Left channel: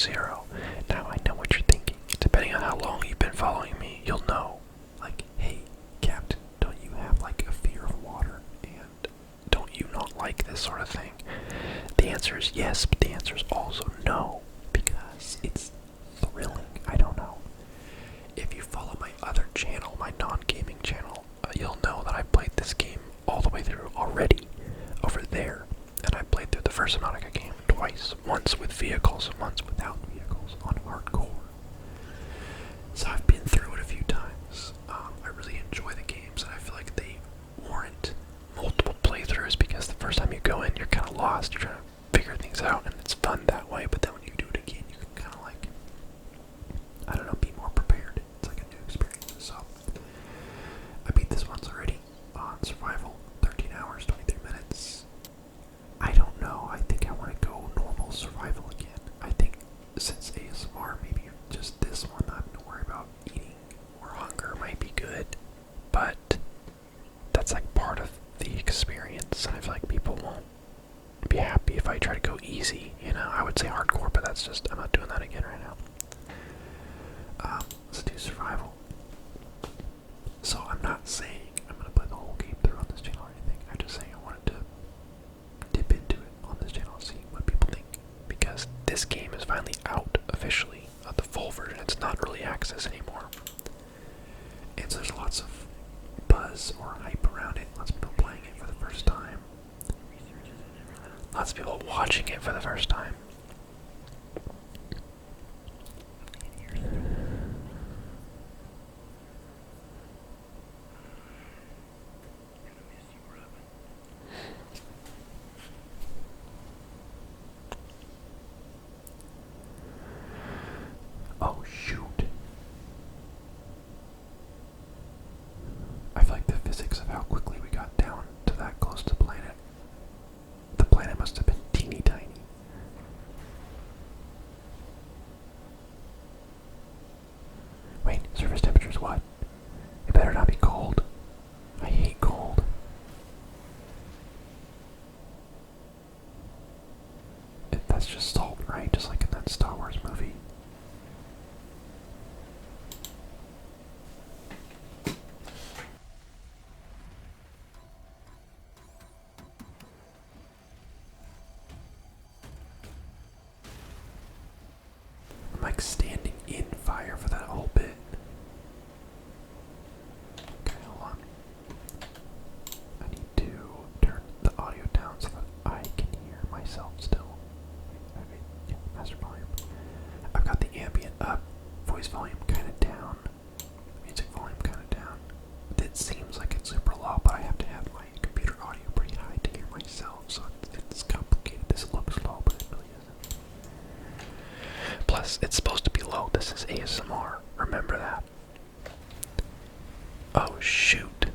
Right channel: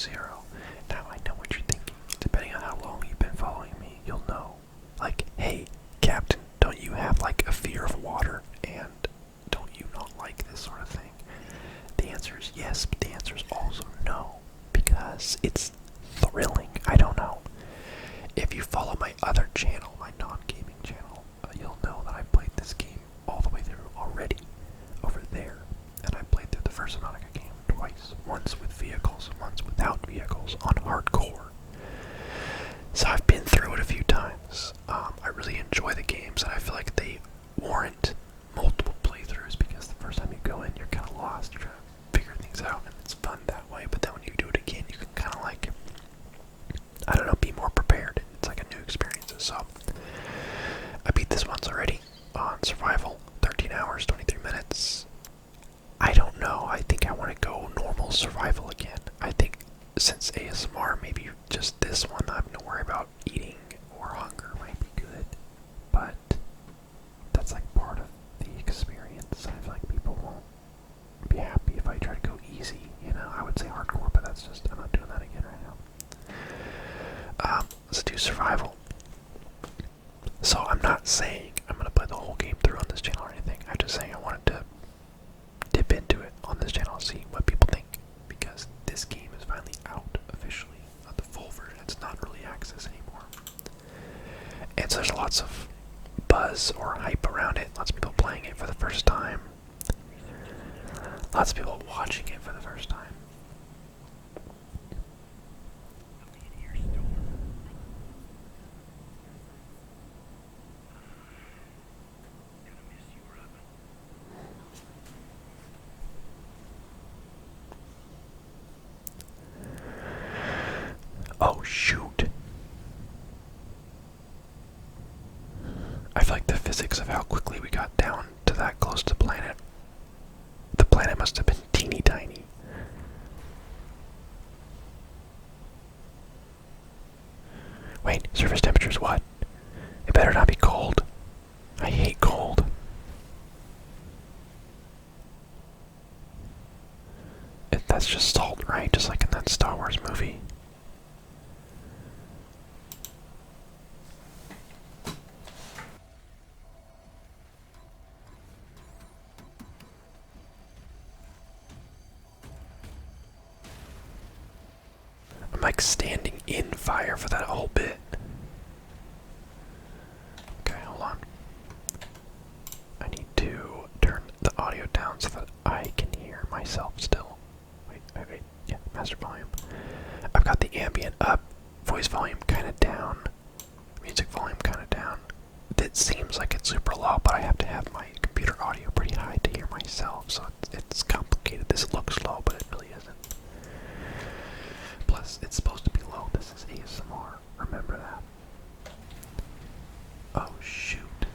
Zero. Now I know what you're thinking. Depending on how long you've been following me, you'll know. Like, hey, Captain, don't you have like a fear of water? And don't you not like this sort of thing? The answer is yes, but the answer is also no. Because it's thrilling. I don't know. If you follow my other channel, my non-gaming channel, you'll know that I played this game all the way through already over there. And I played through the first Subnautica game twice. Once with vehicles, once without vehicles, on hardcore. So I've been through it a few times. I really enjoy the games, and I feel like they warrant multiple playthroughs because the first time you go in, you're kind of lost. You're trying to figure things out, and it's fun that way. But then when you do it again, you can kind of like, I don't know, be more prepared. It's like a new experience. So I beat this once already on survival, 13 hours, 23 minutes. I don't know. I think I want to go normal survival again. I think since ASMR, maybe just this one, not having to worry about eating or hunger might be good. But that's like part of the experience. I feel like people won't be happy if I try to go easy. You know, I would say hardcore, but that's just, I'm not doing that again right now. Let's do survival. So I'm not saying I'm going to play the whole game through on this channel or anything. I'm just saying I wanted to dip into it on this channel and see what people think. Because this game is finally out officially, the full version. It's not early access anymore. And so there's lots of buzz or hype around it. Lots of people playing it for the first time. Lots of people watching it for the first time. Oh shoot. I feel like the physics of how quickly we got down to that close to the planet must have been teeny tiny. Wait, surface temperature's what? It better not be cold. I hate cold. That's just salt, right? Just like in that Star Wars movie. I'm like standing in fire for that whole bit. Okay, hold on. I need to turn the audio down so that I can hear myself still. Wait, yeah, master volume. I've got the ambient up, voice volume kind of down, music volume kind of down. It seems like it's super low, but I have to have my computer audio pretty high to hear myself, so it's complicated. This looks low, but it really isn't. Plus, it's supposed to be low. This is ASMR. Remember that. Oh, shoot.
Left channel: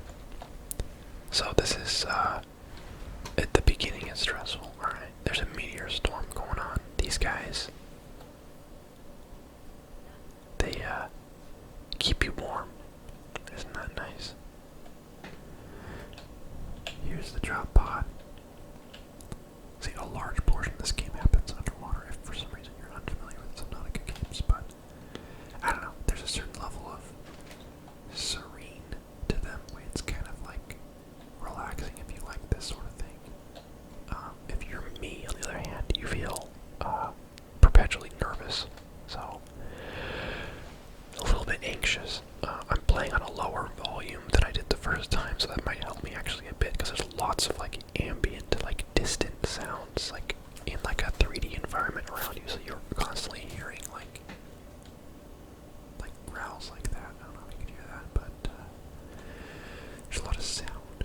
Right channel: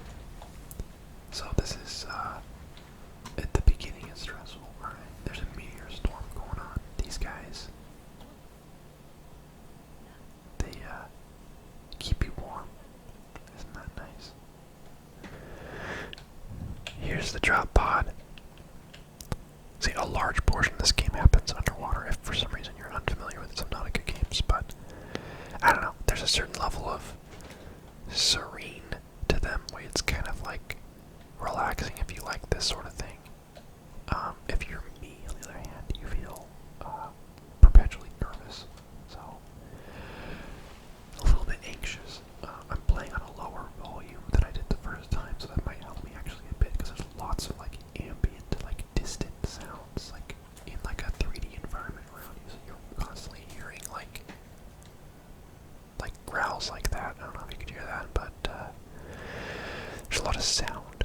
So this is, at the beginning it's stressful. Alright, there's a meteor storm going on. These guys, they, keep you warm. Isn't that nice? Here's the drop pod. See, a large portion of this game happens underwater if for some reason you're unfamiliar with Subnautica games, but I don't know, there's a certain level of serene to them where it's kind of like relaxing if you like this sort of thing. If you're me, on the other hand, you feel perpetually nervous, so a little bit anxious. I'm playing on a lower volume than I did the first time, so that might help me actually a bit, because there's lots of like ambient, like distant sounds, like in like a 3D environment around you, so you're constantly hearing like growls like that. I don't know if you can hear that, but there's a lot of sound.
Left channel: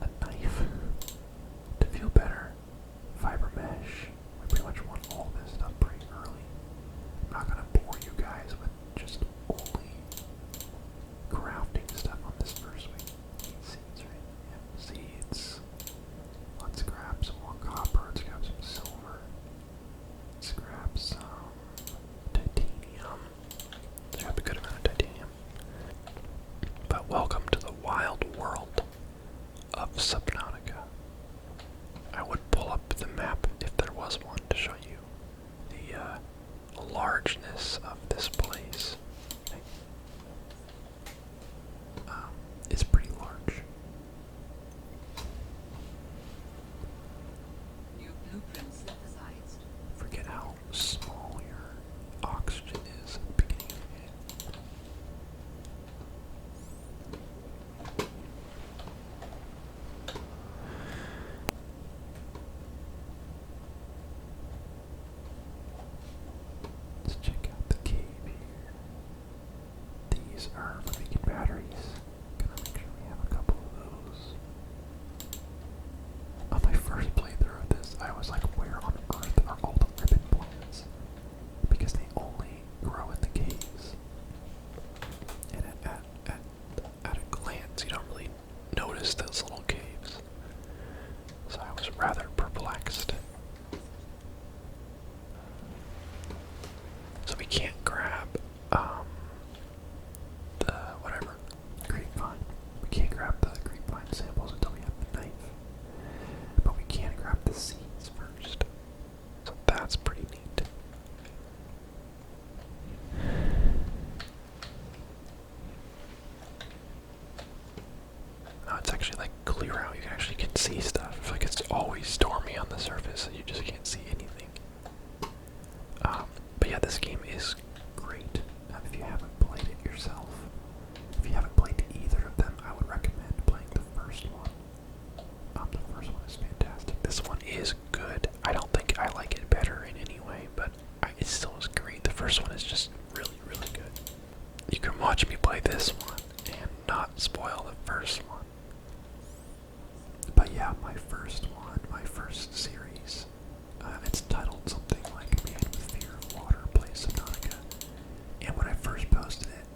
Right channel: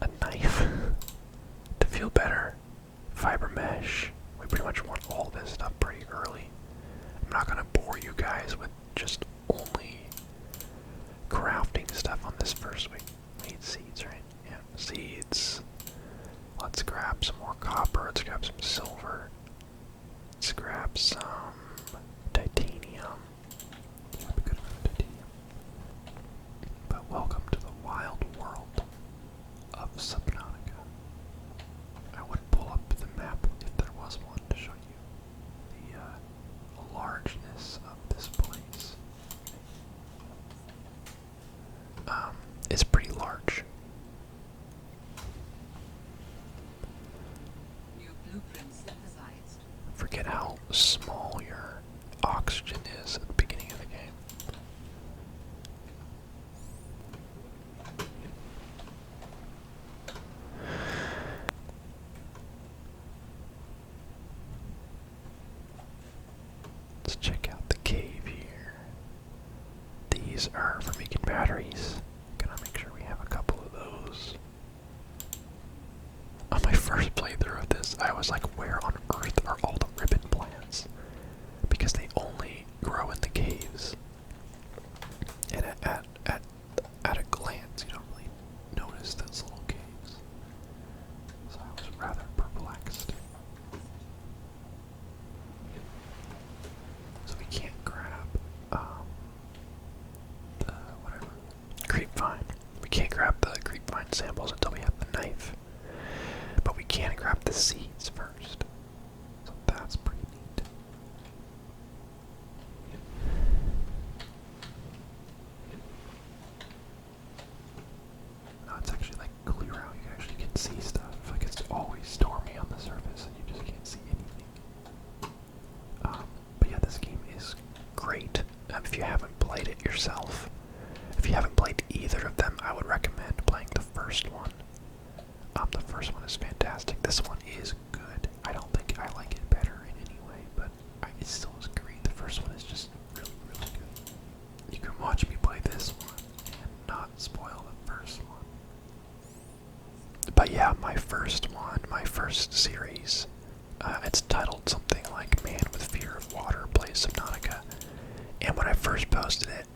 a knife to feel better, fiber mesh. We pretty much want all this stuff pretty early. I'm not gonna bore you guys with just only crafting stuff on this first week. We need seeds, right? Yeah, seeds. Let's grab some more copper. Let's grab some silver. Let's grab some titanium. Let's grab a good amount of titanium. But welcome to the wild world of Subnautica. I would pull up the map if there was one to show you the largeness of this place. Okay. It's pretty large. New blueprint synthesized. Forget how small your oxygen is at the beginning of the game. Let's check out the cave here. These are for making batteries. Gonna make sure we have a couple of those. On my first playthrough of this, I was like, where on earth are all the ribbon plants? Because they only grow in the caves. And at a glance, you don't really notice those little caves. So I was rather perplexed. So we can't grab the whatever creepvine. We can't grab the creepvine samples until we have the knife. But we can grab the seeds first. So that's pretty neat. No, it's actually like clear out. You actually can see stuff. Like it's always stormy on the surface and you just can't see anything. But yeah, this game is great. If you haven't played it yourself, if you haven't played either of them, I would recommend playing the first one. The first one is fantastic. This one is good. I don't think I like it better in any way, but it still is great. The first one is just really, really good. You can watch me play this one and not spoil the first one. But yeah, my first one, my first series, it's titled something like Man with Fear of Water Plays Subnautica. And when I first posted it,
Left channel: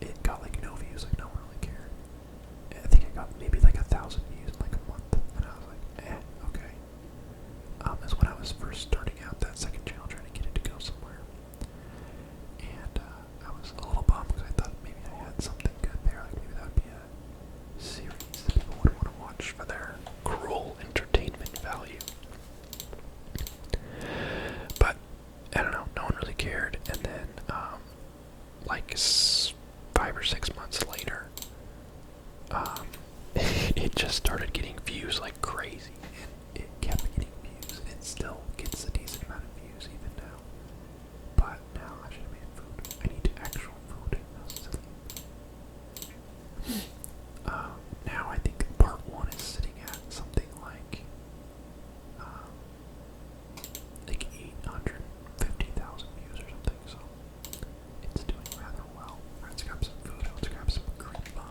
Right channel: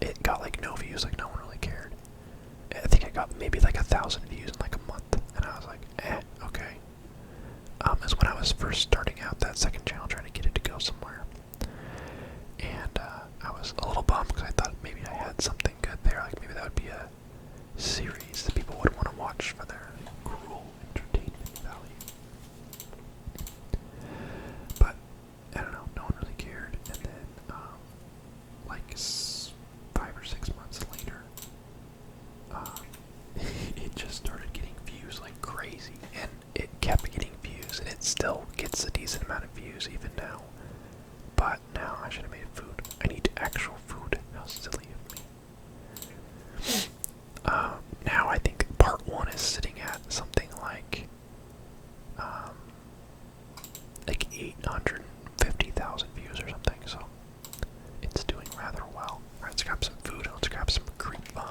it got like no views, like no one really cared. I think I got maybe like 1,000 views in like a month, and I was like, okay. Is when I was first starting out that second channel, trying to get it to go somewhere. And I was a little bummed because I thought maybe I had something good there, like maybe that would be a series that people would want to watch for their cruel entertainment value. But I don't know, no one really cared, and then like 5 or 6 months later, it just started getting views like crazy, and it kept getting views, and it still gets a decent amount of views even now. But now I should have made food. I need actual food. How silly of me. Now I think part 1 is sitting at something like 850,000 views or something, so it's doing rather well. Alright, let's grab some food. Let's grab some creepvine.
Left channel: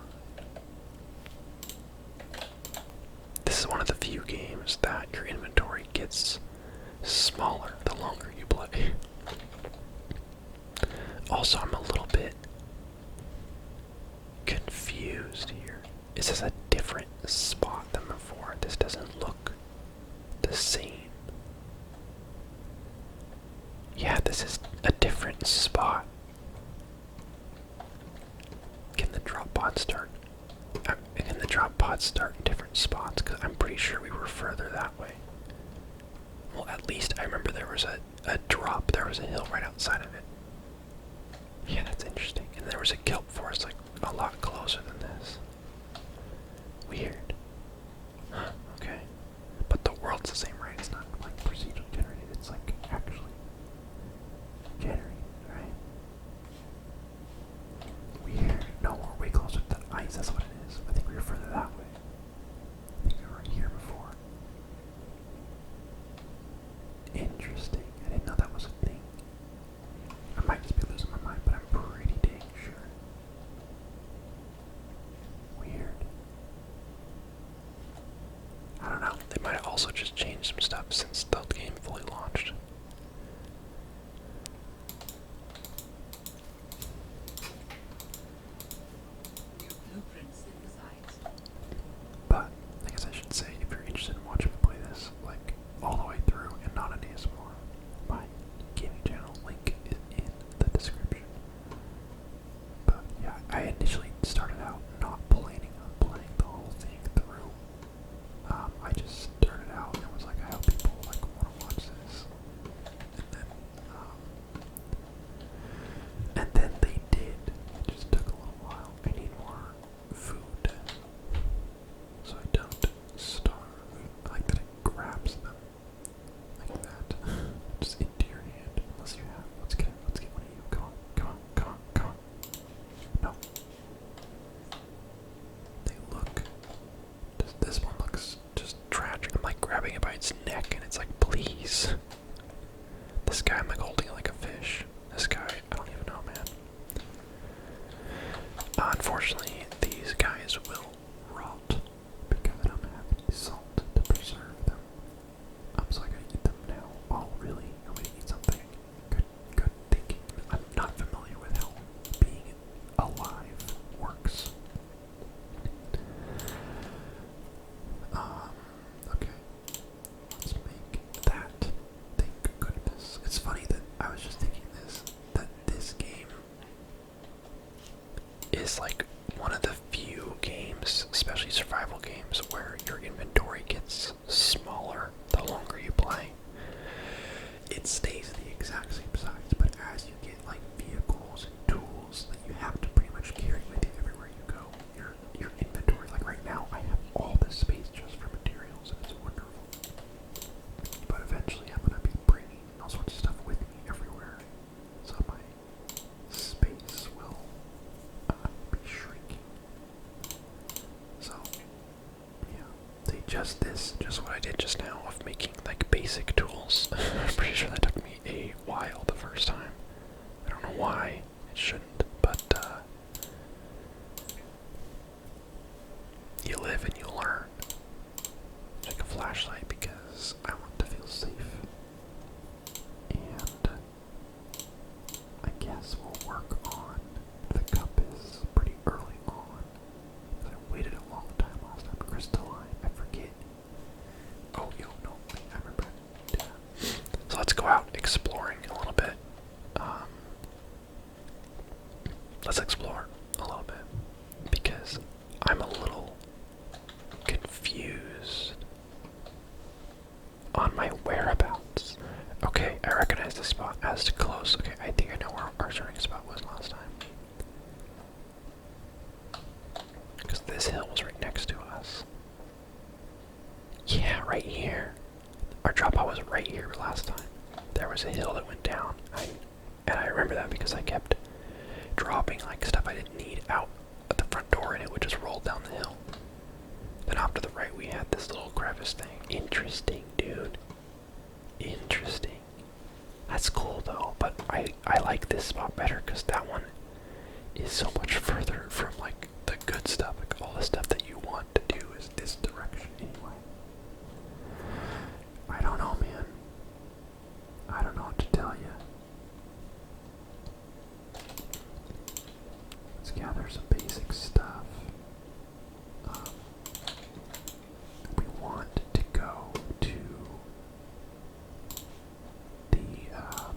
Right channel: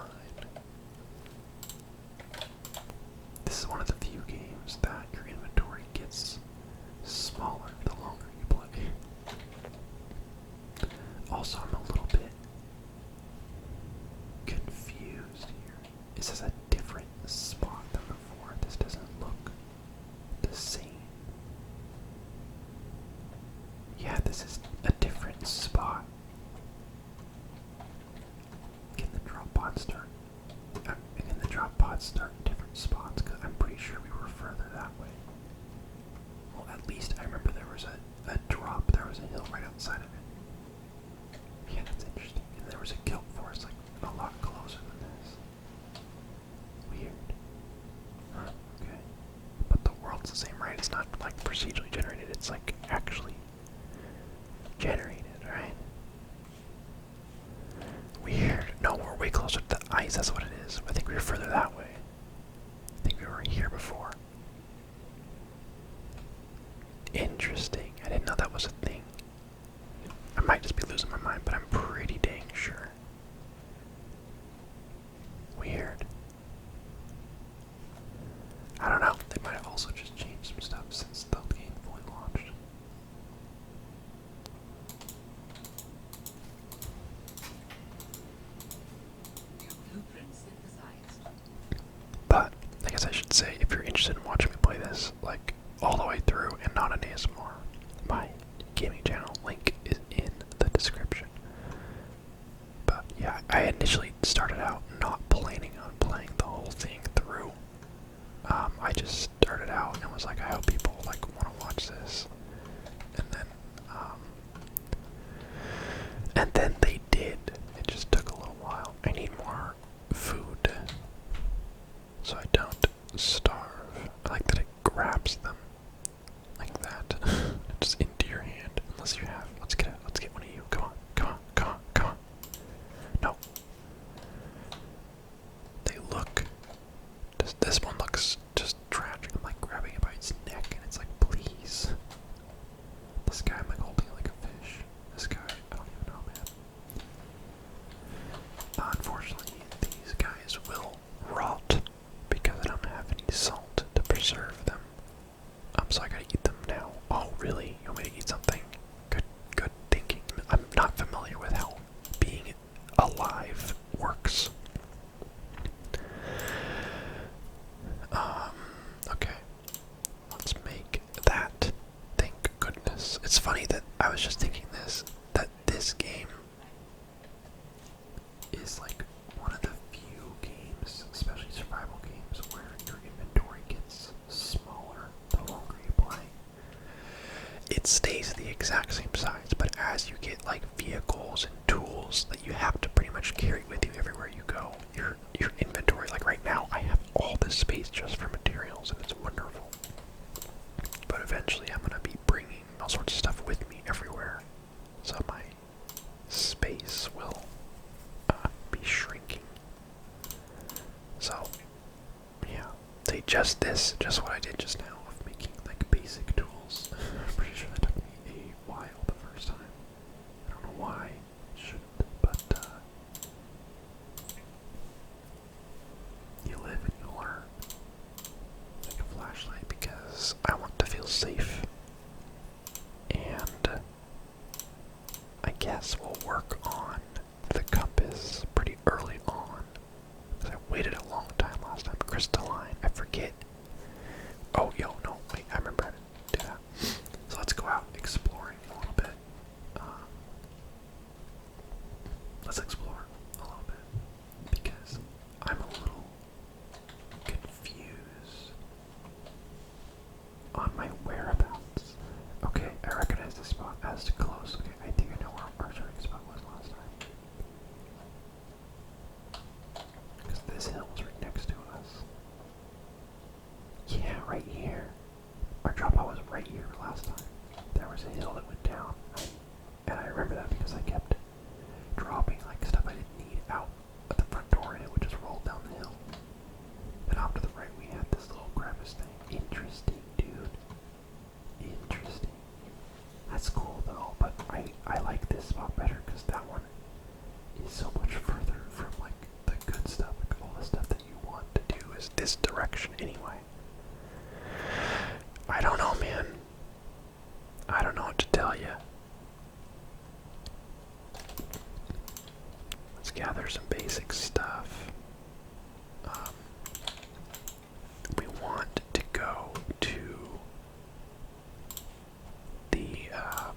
This is one of the few games that your inventory gets smaller the longer you play. Also, I'm a little bit confused here. Is this a different spot than before? This doesn't look the same. Yeah, this is a different spot. Can the drop pod start? Can the drop pods start in different spots? Because I'm pretty sure we were further that way. Well, at least I remember there was a drop. There was a hill right outside of it. Yeah, that's interesting. And there was a kelp forest like a lot closer than this. Weird. Huh, okay. But the world's the same, right? It's not like procedurally generated. It's like actually generated, right? Weird. No, we're way closer to the ice. That's what it is. I think we were further that way. I think we were here before. Interesting. I didn't know that was a thing. I might just be losing my mind, but I'm pretty dang sure. not an ASMR. My gaming channel link is in the description. But yeah, I initially started out not planning on playing the whole thing through. I just started out and was like, I hope people like want to watch this, and then they did. It just took a little while. I need more food so I don't starve. I like that it grabs them like that, just into your hand. Unless you have. Let's get one of you. Come on, come on, come on, come on. No. They look. This one looks just tragic. I'm like grabbing it by its neck, and it's like, please. This guy, I'm like holding it like a fish. This guy, I don't even know, man. Unfortunately, these guys will rot because I don't have any salt to preserve them. So I gotta eat them now. Oh, really? You want me to eat something? Good thinking. I'm not familiar with how being alive works. Okay. Let's make that. Thank goodness. It's funny that I was just thinking that this game is like one of the few games, especially survival games, where your inventory gets smaller the longer you play. It stays the exact same size, but as you get like vehicles and tools that you have to pretty much carry with you everywhere you go, your inventory, like right now, I have all this space just for materials, and it's wonderful. But eventually, I'm gonna be bringing all sorts of stuff with me everywhere, so my space will be shrinking. So, yeah, just what I did just now of making like basic tools. I'm pretty sure that took me a while the first time. I don't know why it shouldn't, but you live and you learn. Take a flashlight because I want to feel safe. And I guess we'll work on the compass pretty early on. Because I waited a long time last time. Crystalline, I forget. Oh, yo, no, wait, I remember how to do that. So let's go out exploring a little bit. Let's explore a little bit. Because I'm a little confused on my whereabouts. Okay, I recognize this spot as close. Okay, I think I know where our starting spot was last time. Because this hill was right next to us. Yeah, right here. Our drop out was right here last time. There was a hill that went down. And I remember that because I kept dropping like stuff I didn't need out at the front door, and it would just roll down the hill. Then off to the right we had this little crevice thing. Interesting, dude. Interesting. That's cool though, but I like this spot better because that one is so much further from like the good stuff. Like all the stuff that you want to do is this direction anyway. I don't know, man. I don't know what to tell you. Let's gather some basic stuff. We want to go to the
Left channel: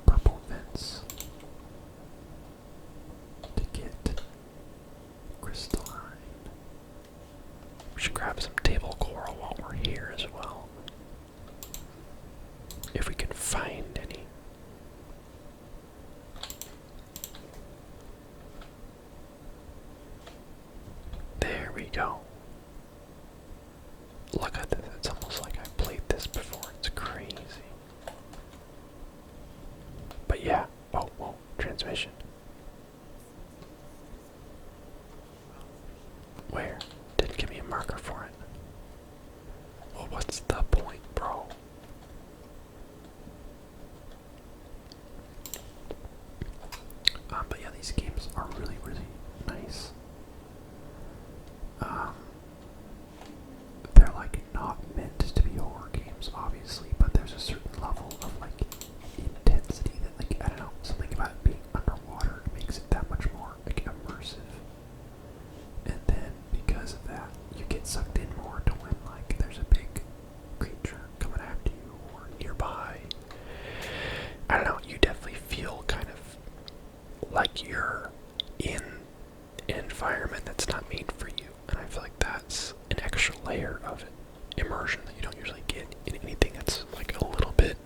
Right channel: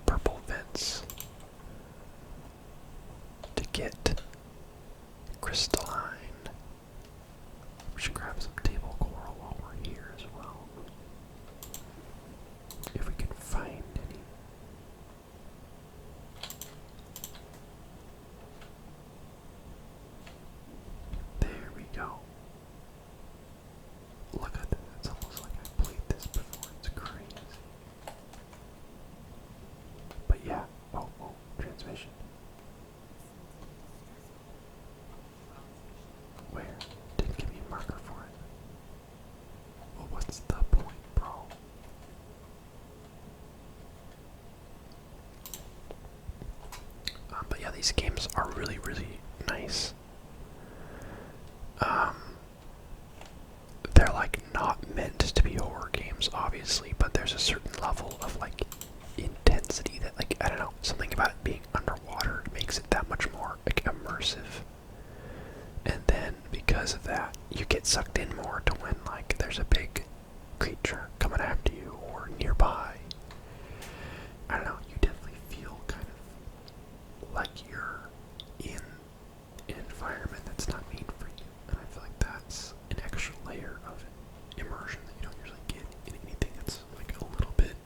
purple vents to get crystalline. We should grab some table coral while we're here as well. If we can find any. There we go. Look at this. It's almost like I played this before. It's crazy. But yeah. Oh, whoa. Transmission. Where? Didn't give me a marker for it. Well, what's the point, bro? But yeah, these games are really, really nice. They're like not meant to be horror games, obviously, but there's a certain level of like intensity that, like, I don't know, something about it being underwater makes it that much more like immersive. And then because of that, you get sucked in more to when like there's a big creature coming after you or nearby, I don't know, you definitely feel kind of like you're in an environment that's not made for you. And I feel like that's an extra layer of immersion that you don't usually get in anything that's like a little bit,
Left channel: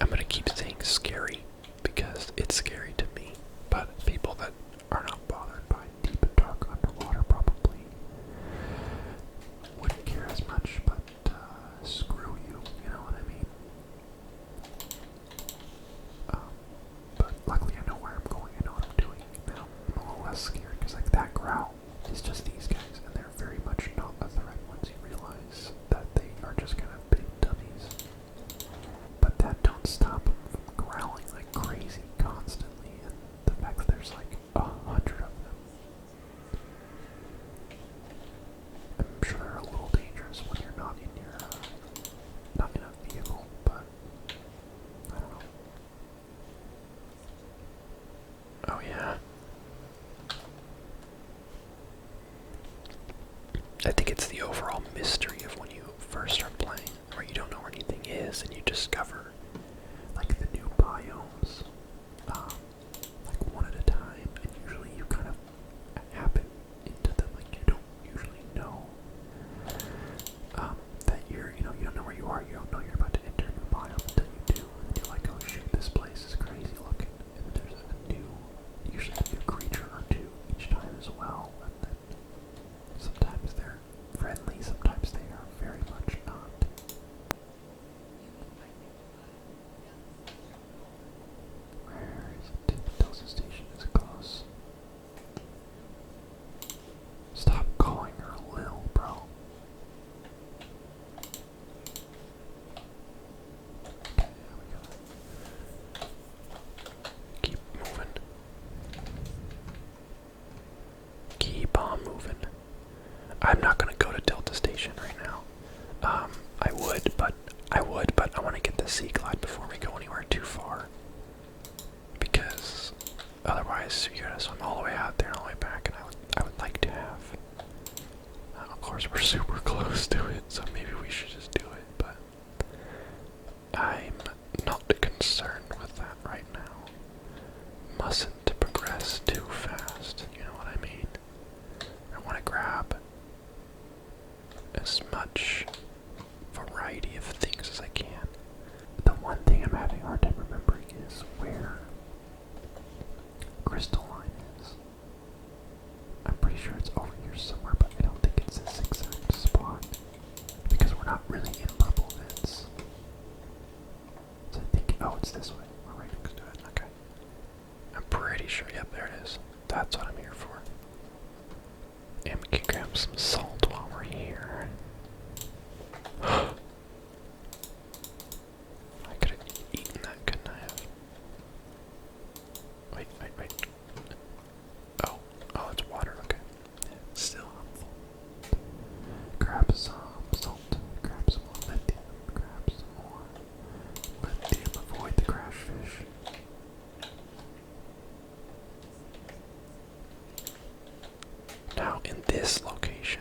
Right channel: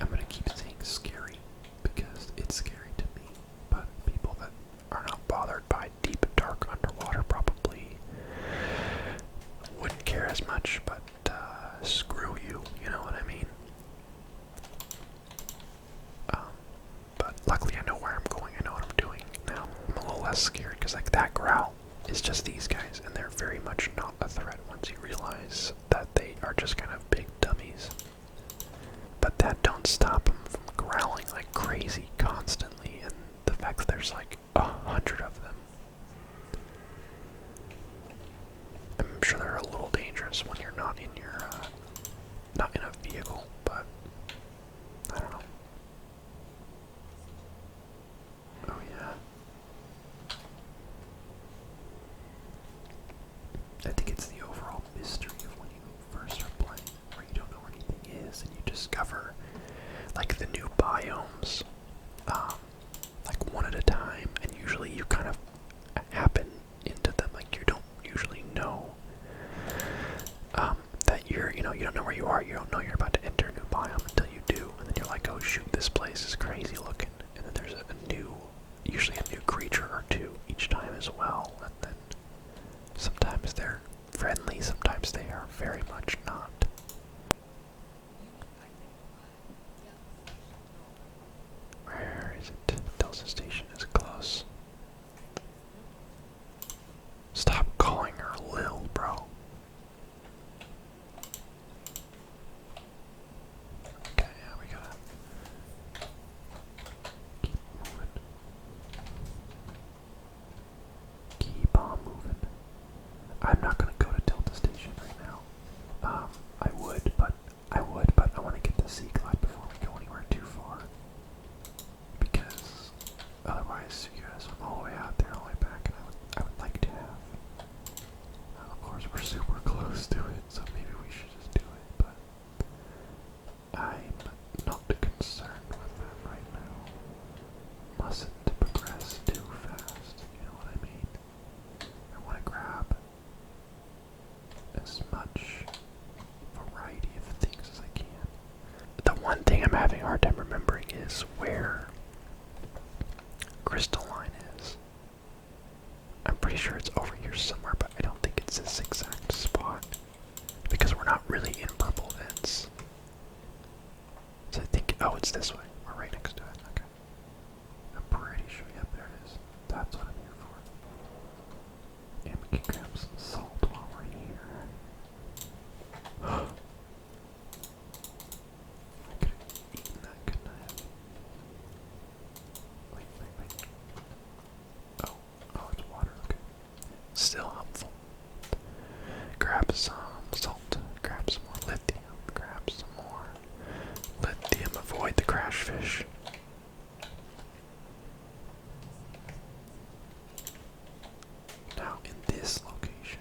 I'm gonna keep saying scary because it's scary to me, but people that are not bothered by deep, dark underwater probably wouldn't care as much, but screw you, you know what I mean? But luckily I know where I'm going, I know what I'm doing. Now I'm a little less scared because like that growl is just these guys, and they're very much not a threat once you realize that they are just kind of big dummies. But that don't stop them from growling like crazy constantly, and the fact that there's like 100 of them. I'm sure they're a little dangerous when you're not in your, not in a vehicle, but I don't know. Oh yeah. I think it's the overall mystery of when you first start playing, where you don't know where anything is, and you discover like the new biomes, like one at a time, and usually you kind of happen into them. Like you don't usually know that you don't know where you are. You don't know you're about to enter a new biome until you do, and then you're like, oh shoot, this place is crazy looking, and then there's usually a new creature or two each time as well, and then sometimes they're friendly, sometimes they are very much not. Where is it? Delta Station is close. Stop calling her Lil, bro. Okay, yeah, we gotta keep moving. Keep on moving. I'm not gonna go to Delta Station right now. I want to get the Sea Glide before we go anywhere too far. Because otherwise, you gotta swim all the way out there and all the way back, and I would like to have. Of course, we're super close to it, so maybe we should just do it, but I'm not concerned with that right now. Mustn't progress too fast, you know what I mean? I want to grab as much variety of things as I can. The one thing I'm having a hard time remembering is where Crystalline is. I'm pretty sure it's over here somewhere, but I don't think it's this exact spot. Because we're not really in purple vents. So I think, oh, it's this way. We're right next to it. Okay. I'm pretty sure, yep, there it is. That's what I'm here for. And we can grab some salt while we're here. I could have eaten that, couldn't I have? Wait. Oh, it's water, okay. Still helpful. Grab some salt, grab some more lithium, grab some more lithium, avoid the crash fish. Now in this location,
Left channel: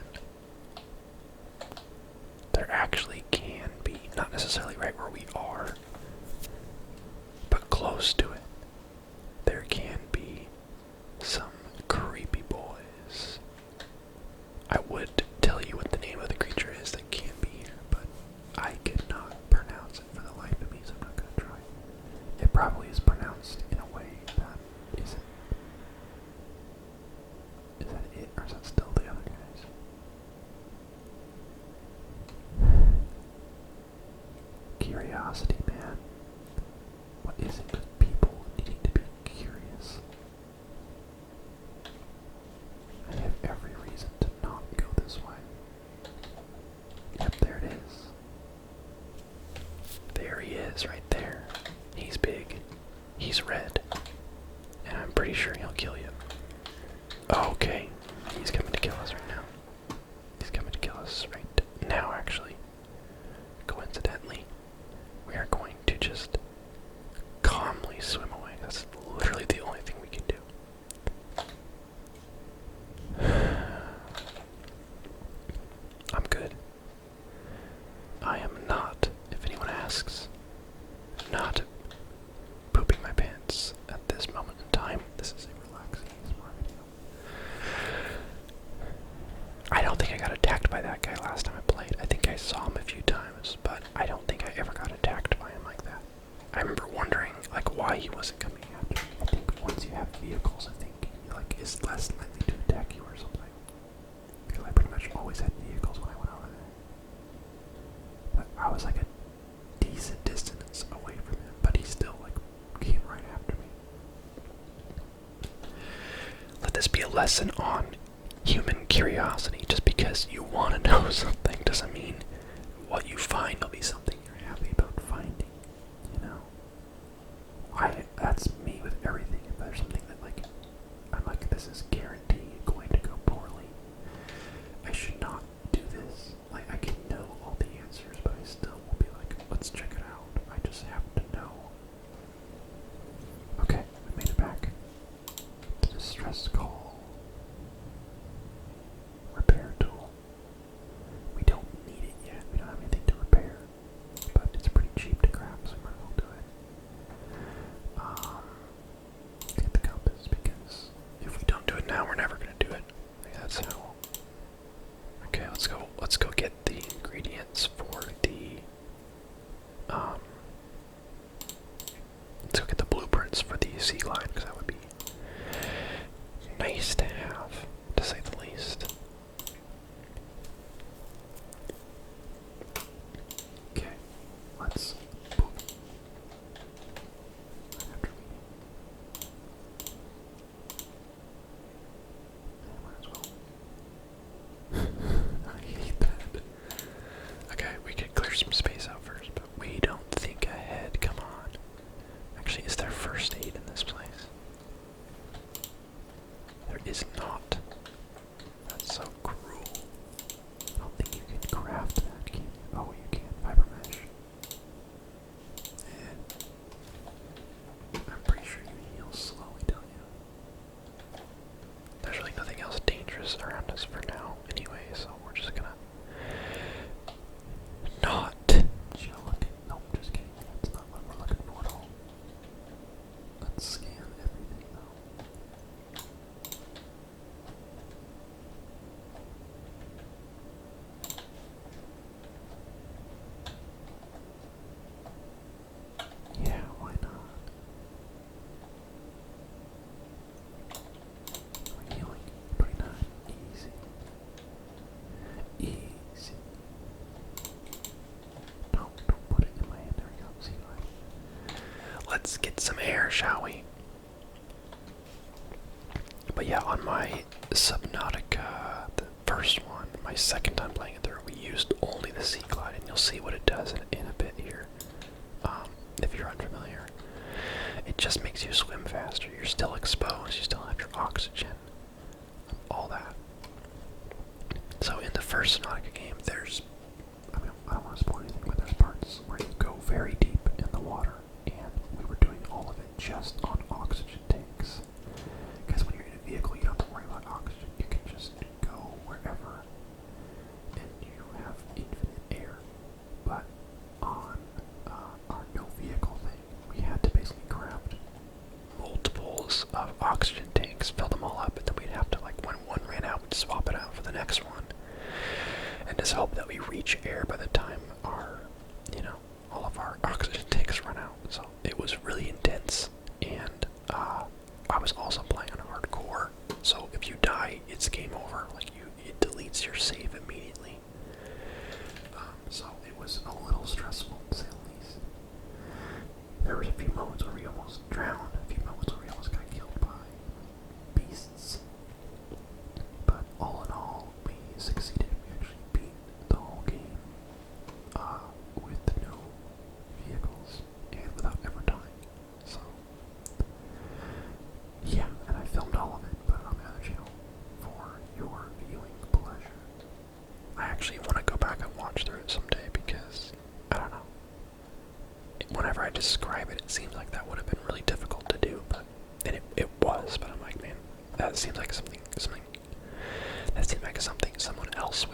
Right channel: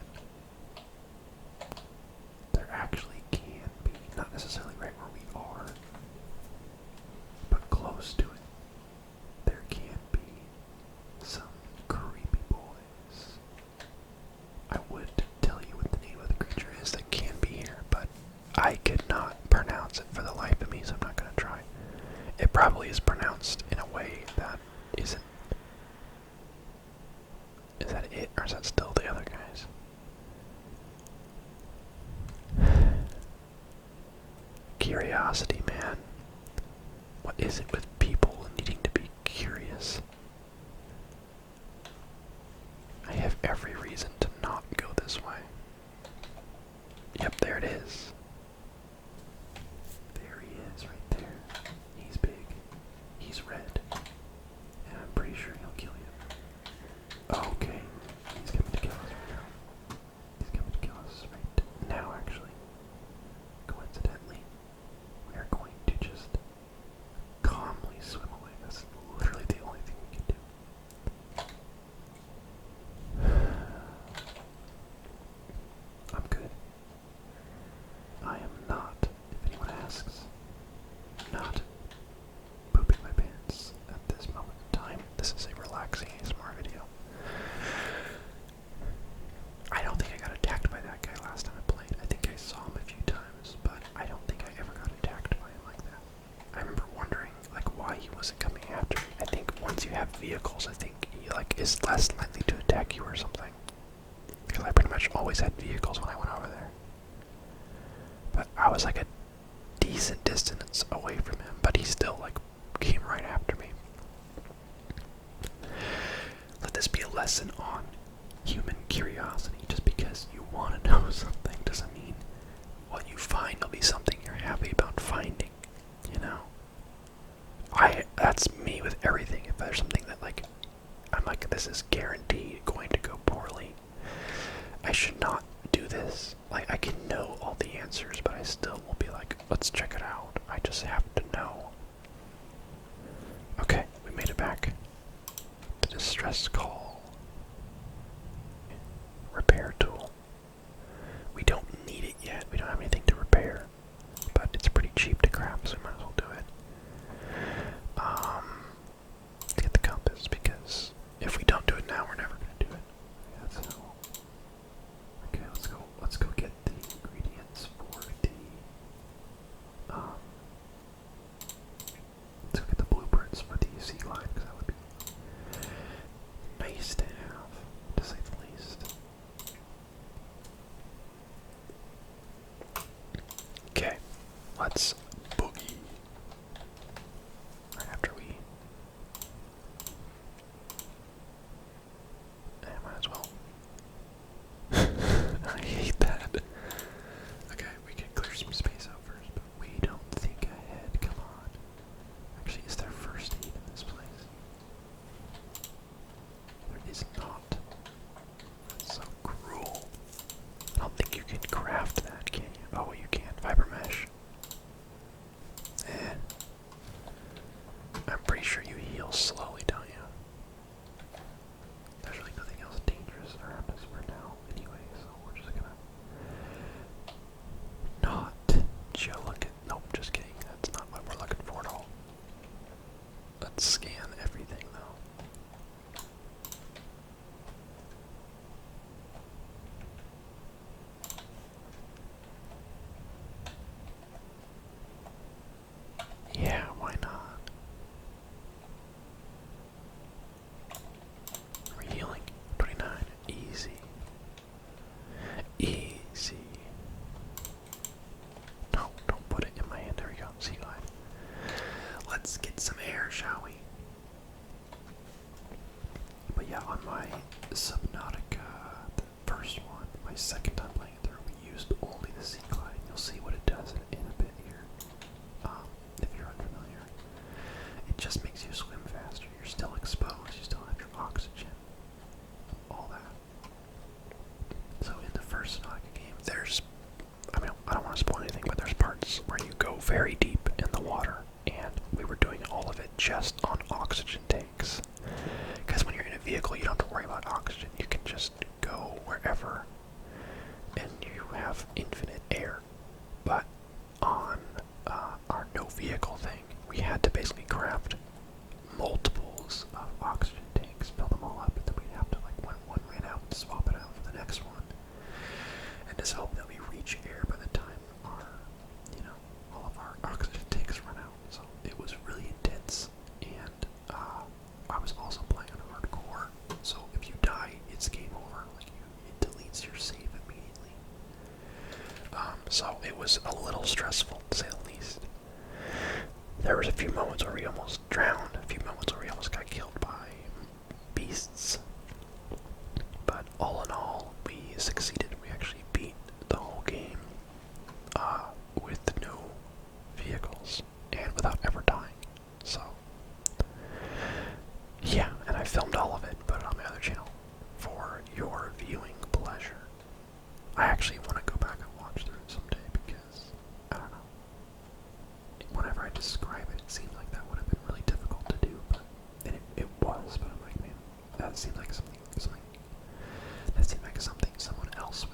much always had vehicles when I went over there. But I was like a decent distance away from him, but he still like came right after me. Let this be a lesson on human curiosity. Just because you want to know something doesn't mean what you find will be something you're happy about finding, you know? That's me with everything. If there's something that like, I'm like, this is guaranteed going to go poorly, I should not do this. Like, I can know all the answers, but I still will be like, let's check it out. I just have to know. Okay, we made it back. The distress call. Repair tool. We don't need it yet. We don't have anything to repair, but it's pretty cheap to craft, so we might as well do it. Let's get the compass, because if we don't do it now, we're never gonna do it. That's how. Okay, let's go get the ingredients for the let's go get the blueprints for the sea glide, because that would be nice to have, to say the least. Okay, let's boogie. Right after we might as well. I hate that. Okay, we could clear some space out first, but we don't think ahead. Come on. Actually, is there first aid in this place? There is not. That's so cruel. I don't think you can craft that, can you? Oh, you can. Fiber mesh. And I'm pretty sure you heal slowly, don't you? There's really nothing else dangerous around us for now anyway, so we're just gonna not geolook it. Nope, just kidding. That's not what we're looking for at all. Let's scan everything though. Yeah, why not? We're healing. 29. Easy. Easy. No, don't put it in my hand. There we go. See you later. Let's get some air, shall we? But yeah, on my Subnautica, the first one, my second time playing it through, we used only the sea glide, and you'll see what it does in a bit here. If you're unfamiliar, it just makes you swim faster. You're still exposed. You still have your oxygen, all that. So in the first Subnautica game, there's, I mean, I don't want to spoil anything, but there's parts where you go very deep in the water, and we were doing all of it just on oxygen tanks. Because when you're in a vehicle, you don't have to worry about oxygen. You can just go wherever, and you have infinite air. But on our no vehicle thing, we had to basically craft multiples of oxygen tanks, fill them all up, and then we'd have to, like, when one ran out, we'd swap it out for the next one. And just hope that we reach air by the time our, you know, all of our oxygen tanks run out. So it was really intense, and I was also playing on hardcore, so if you die, it's game over. Like, it deletes your save immediately. So it was a little stressful, to say the least. There was a few moments where we almost drowned, a few moments where we almost got killed by beasts. But all in all, we succeeded. We actually beat the whole game with the new vehicles and without ever dying. So yeah, and I filmed all of it, put it on my other channel for your viewing pleasure. I actually want to go back and watch through it someday because, I don't know, whenever I describe it, it seems like that would have been really difficult to do, but it was, but I'm like, man, that seems like something that seemed like something someone else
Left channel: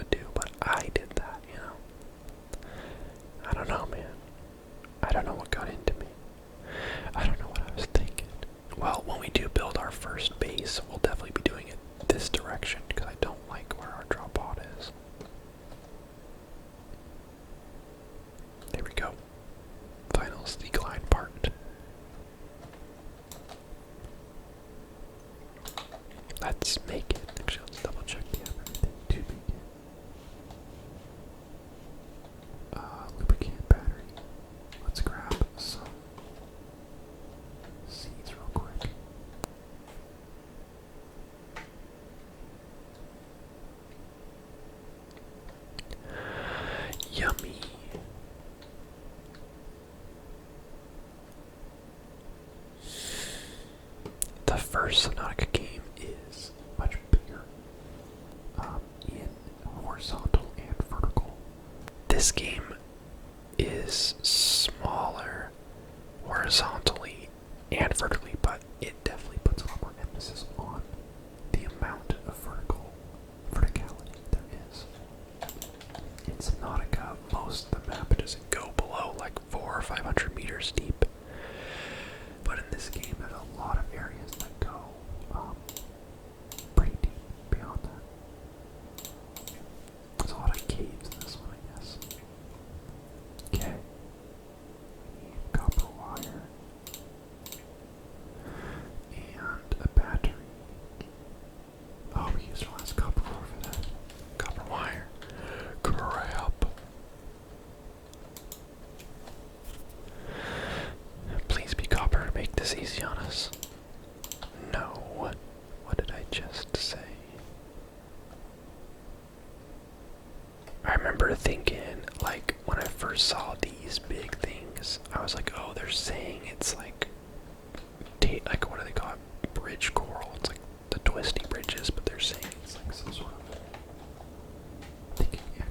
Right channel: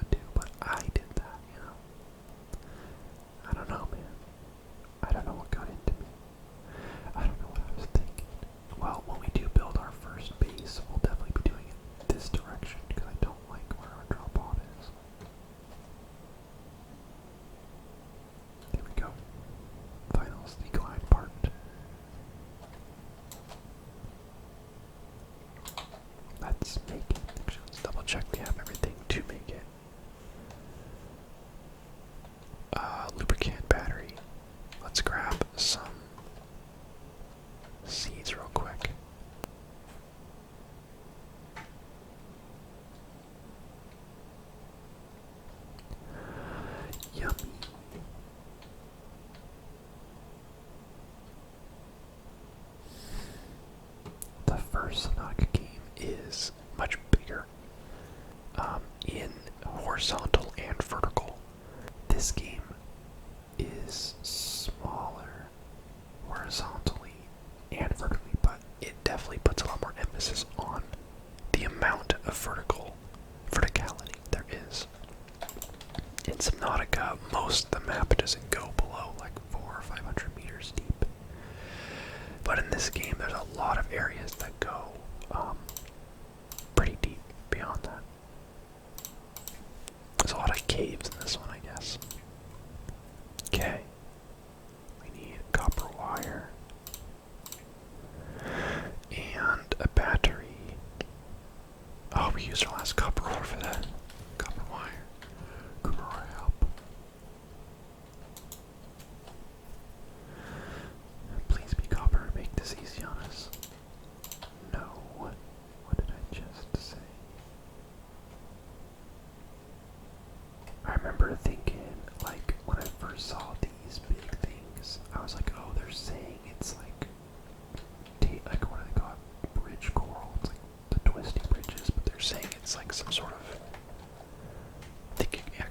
this game is smaller horizontally and vertically, but it definitely puts a lot more emphasis on the amount of verticality there is. In Subnautica, most of the map doesn't go below like 400 or 500 meters deep. But in this game, there's a lot of areas that go pretty deep beyond that. There's a lot of caves in this one, I guess. Okay. We need copper wire. And a battery. Oh, we used our last copper ore for that. Copper wire. Crap. Please be copper to make this easy on us. No. What did I just say? I remember thinking, like, when I first saw these big things, I was like, oh, they're saying it's like, what do they call it? Bridge coral. It's like the twisty bridges, but they're saying it's like some sort of,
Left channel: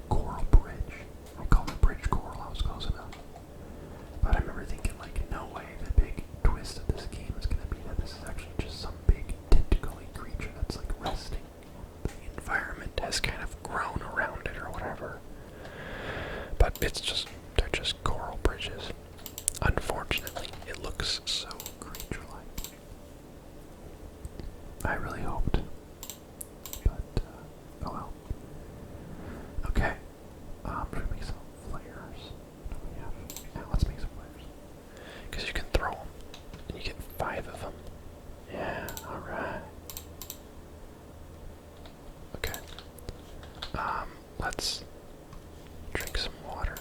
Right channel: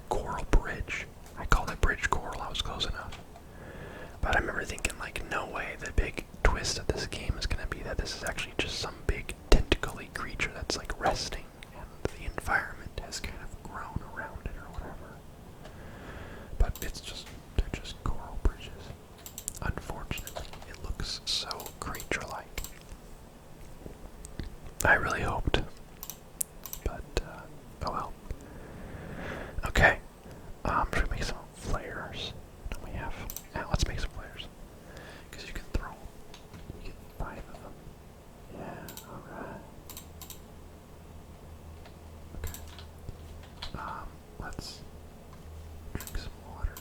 coral bridge. I called it bridge coral, I was close enough. But I remember thinking, like, no way, the big twist of this game is going to be that this is actually just some big tentacly creature that's like resting, and the environment has kind of grown around it or whatever. But they're just coral bridges. Unfortunately, it looks so creature-like. I really hoped. But, oh well. Okay. Should we make some flares? We have. Let's make some flares. Because you can throw them. And you get 5 of them. Yeah, alright. Okay. Let's drink some water.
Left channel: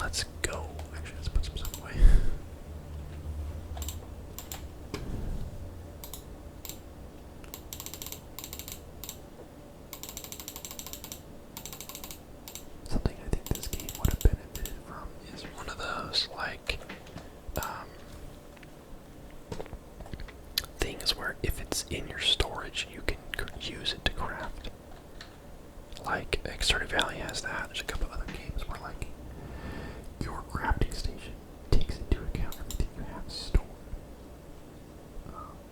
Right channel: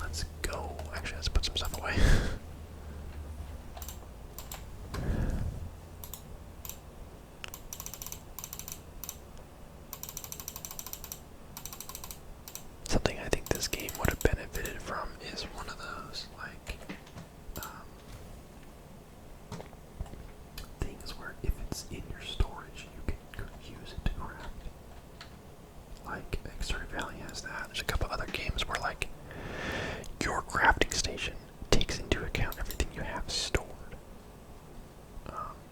Let's go. Actually, let's put some stuff away. Something I think this game would have benefited from is one of those, like, things where if it's in your storage, you can use it to craft. Like, Stardew Valley has that. There's a couple other games where, like, your crafting station takes into account everything you have stored.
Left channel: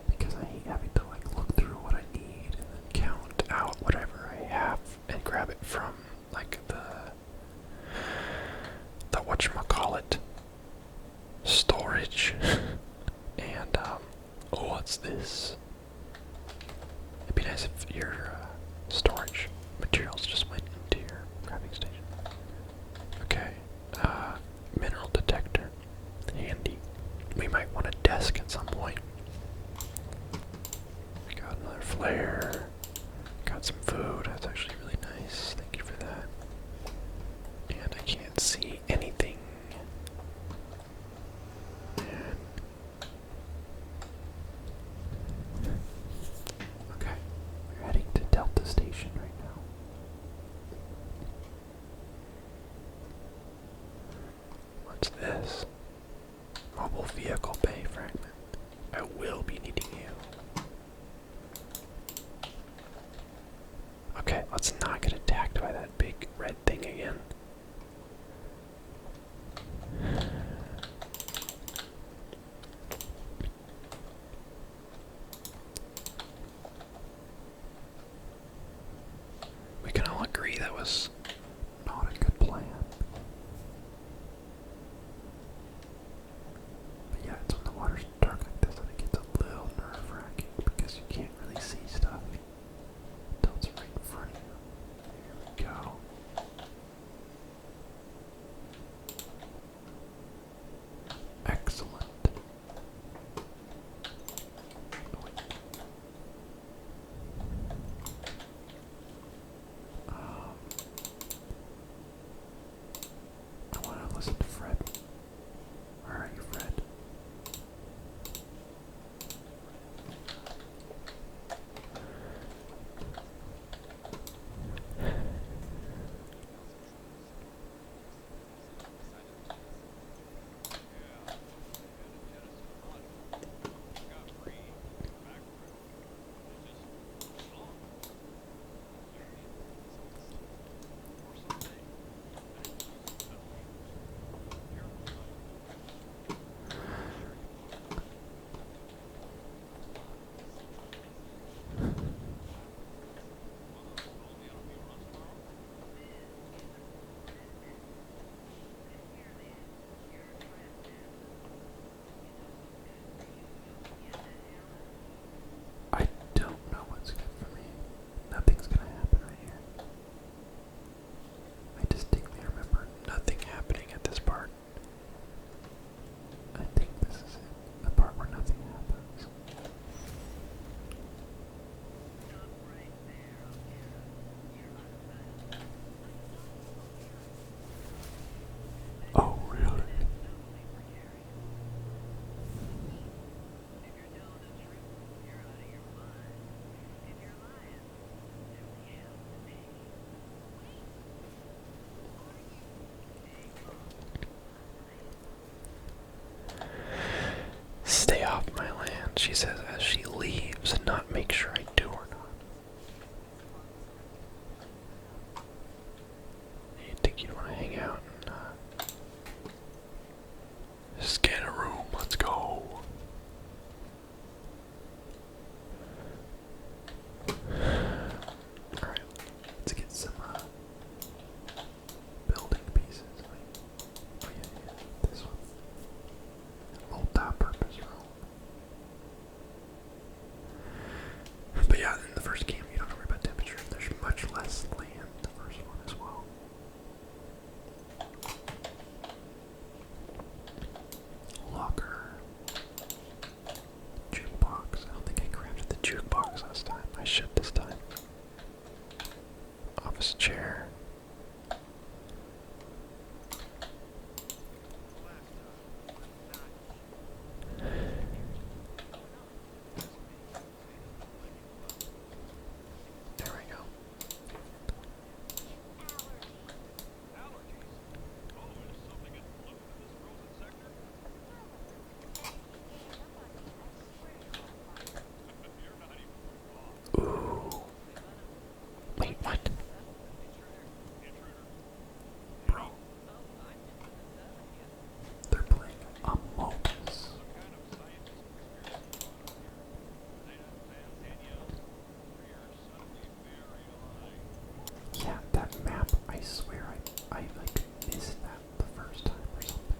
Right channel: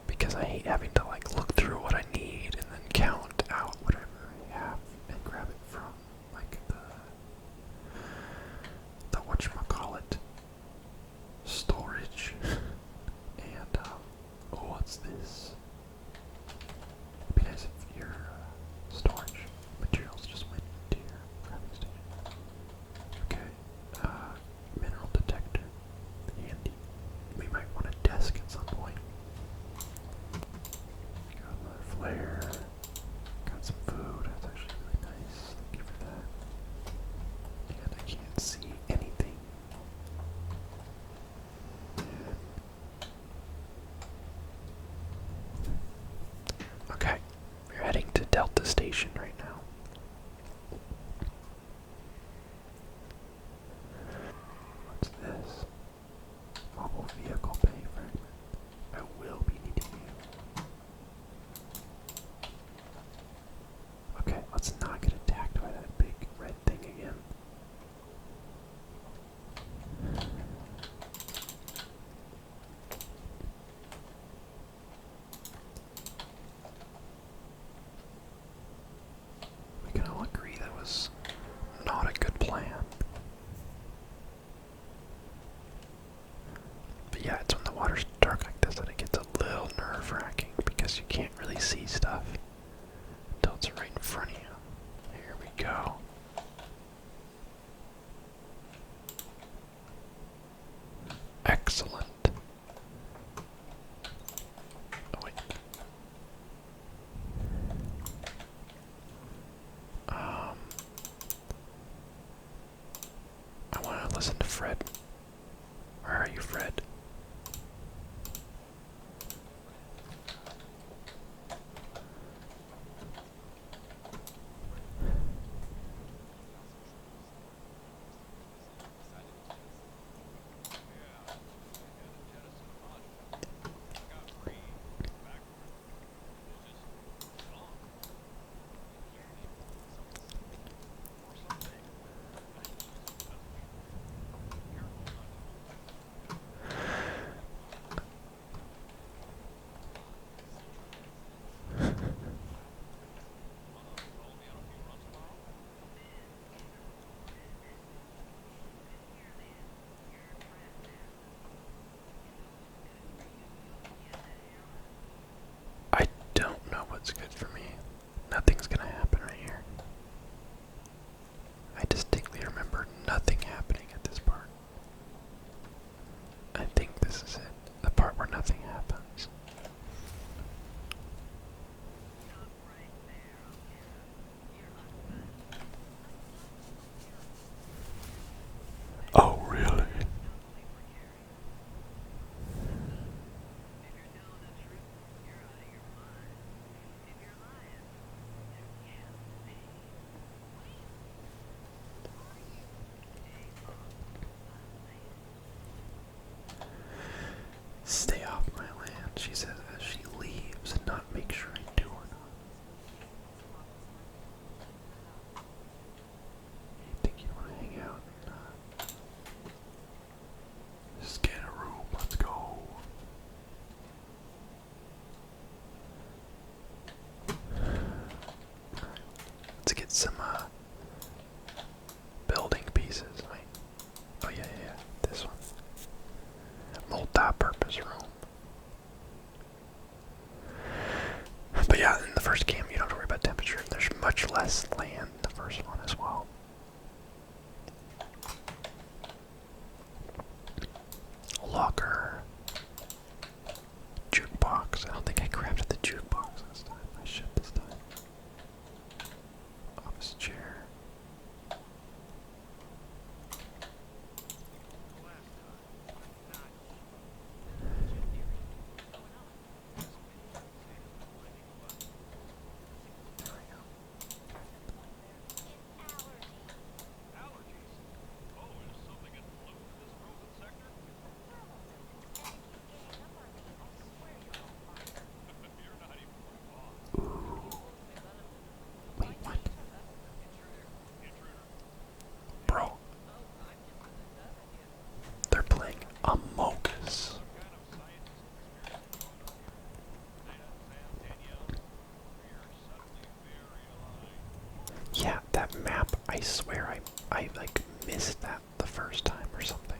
Because I hate having to, like, look through what I need and then count out whatever I have and grab it from, like, the whatchamacallit storage. And, oh, what's this? It'd be nice if your storage materials just went into your crafting station. Okay, mineral detector, handy. We might want a desk at some point. We got another flare. Got some food. That's actually really nice. Thank you for that. And I can't see anything. Okay, we're heading to Delta Station right now. What's this? Mobile vehicle bay fragment. I will be needing you. Okay, let's not get attacked by that big red thing again. We can all agree that was not a good plan. But yeah, it's when the water's dark like this that it gets a little nerve-wracking because you can't really see stuff until it's right in front of you. Here, some building pieces. Oh yeah, yeah, yeah, this one. Multi-purpose room. But yeah, in the first game you don't have to worry about temperature. There's much less land in the first one as well. Locker. Jukebox. I don't think I crafted the jukebox last time. I should this time. Office chair. There we go. Ooh. Wait, what? Bro. They're playing Among Us. Yeah, that map, I swear I like missed that the first time or something.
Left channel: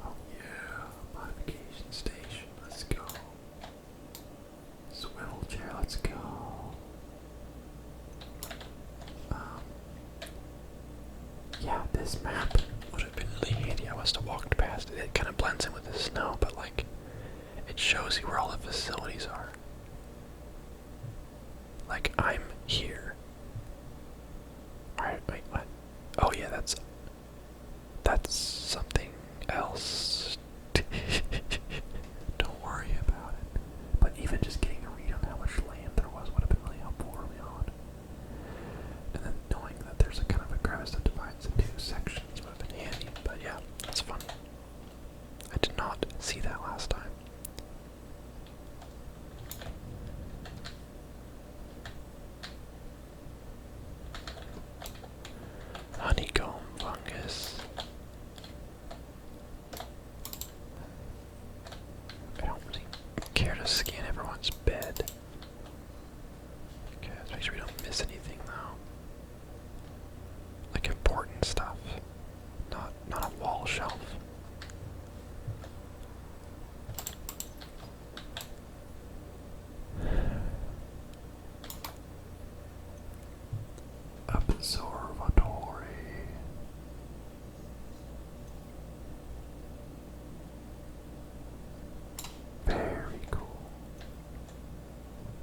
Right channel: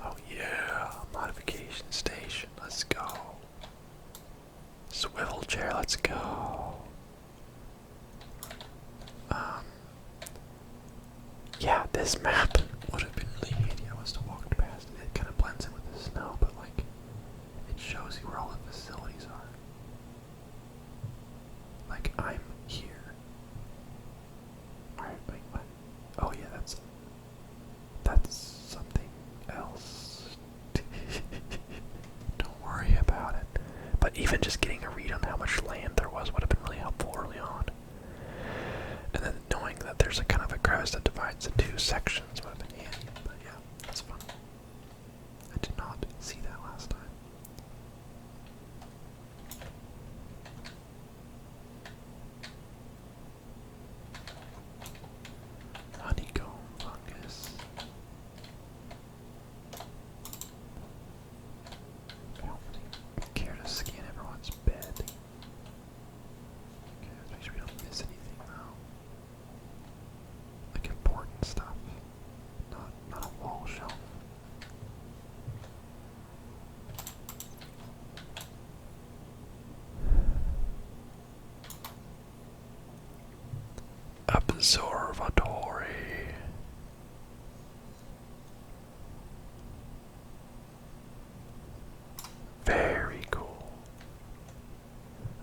Oh yeah, modification station, let's go. Swivel chair, let's go. Yeah, this map would have been really handy. I must have walked past it. It kind of blends in with the snow, but like, it shows you where all the facilities are. Like, I'm here. Alright, wait, what? Oh yeah, that's something else. Don't worry about it. But even just getting a read on how much land there was would have been really helpful early on. And then knowing that there's a kind of a crevice that divides the two sections would have been handy. But yeah, that's fun. I did not see that last time. Honeycomb fungus. I don't really care to scan everyone's bed. Okay, let's make sure we don't miss anything though. Like important stuff. Not a wall shelf. Observatory. Very cool.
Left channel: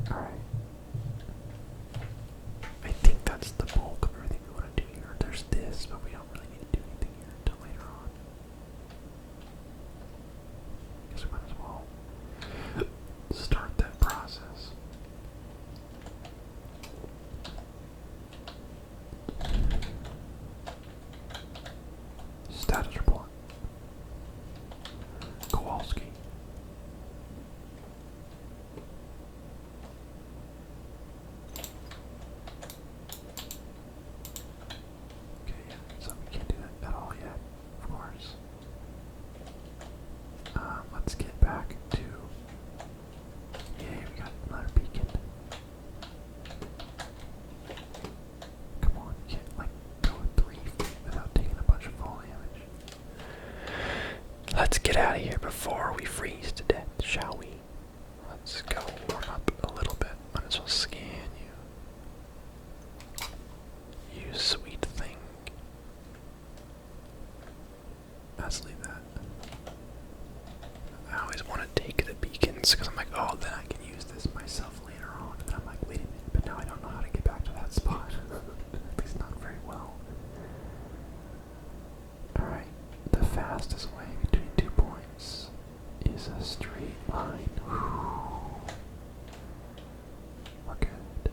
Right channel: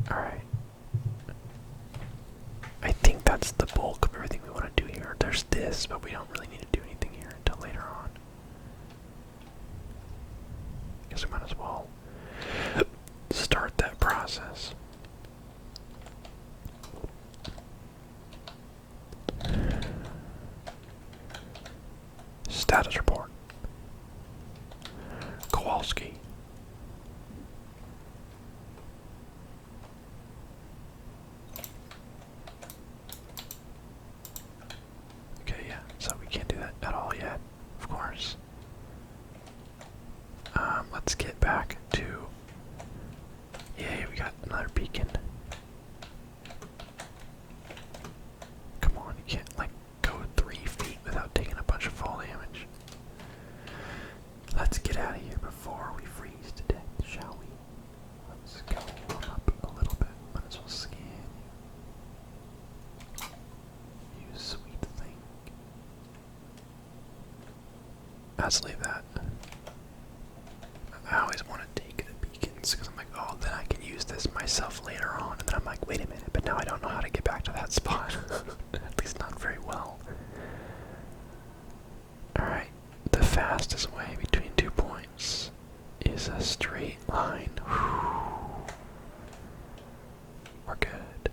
Alright. I think that's the bulk of everything we want to do here. There's this, but we don't really need to do anything here until later on. Guess we might as well start that process. Status report. Kowalski. Okay, yeah, so we can't do that at all yet, of course. Let's get back to... Yay, we got another beacon. Come on, you can't, like, go 3 feet without taking a bunch of fall damage. Let's get out of here before we freeze to death, shall we? Let's go warm up a little bit. Might as well scan you. You sweet thing. Let's leave that. I always want to take the beacons because I'm like, oh, then I can use this myself later on. And then I'm like, wait a minute, but now I don't know how to get back to that spot. At least not very well. Alright, the fastest way between 2 points is a straight line. We're good.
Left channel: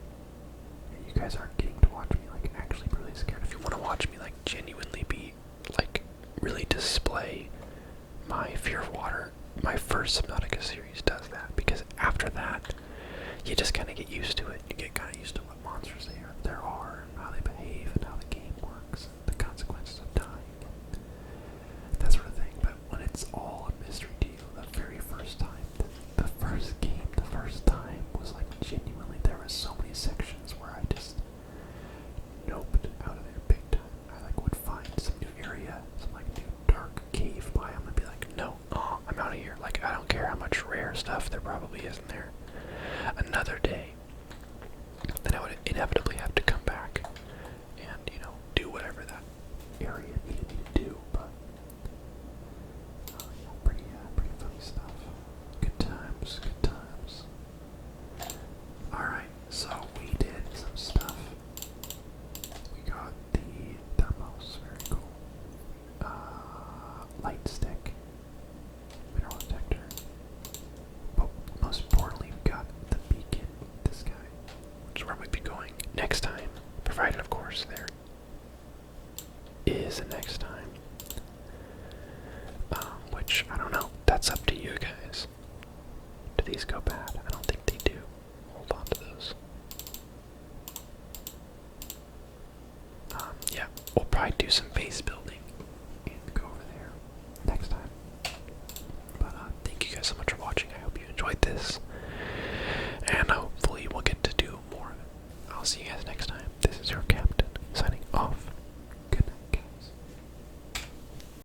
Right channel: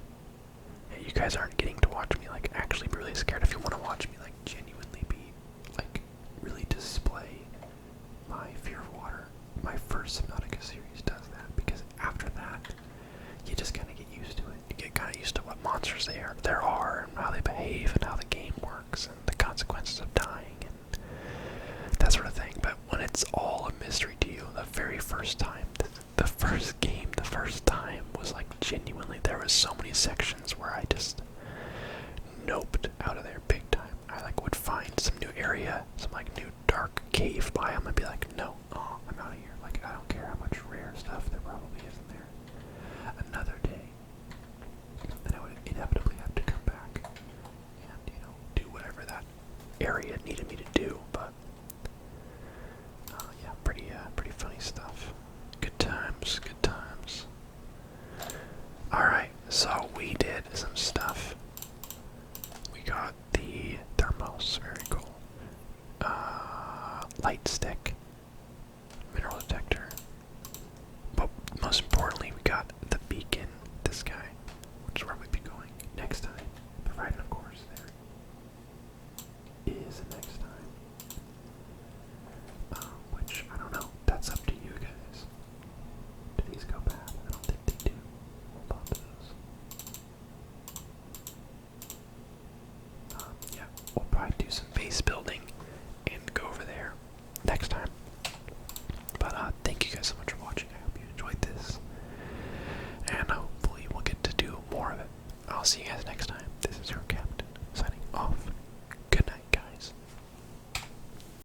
Yeah, you guys aren't getting to watch me like actually be really scared. If you want to watch me like genuinely be like really display my fear of water, my first Subnautica series does that, because after that you just kind of get used to it. You get kind of used to what monsters there are and how they behave and how the game works and the consequences of dying and that sort of thing. But when it's all a mystery to you, the very first time, the first game, the first time was like genuinely, there was so many sections where I just do some base building and go over there next time. But thank you guys so much for watching. I hope you enjoyed this, and hopefully we'll get to do more of it. I'll see you guys next time. This is your captain signing off.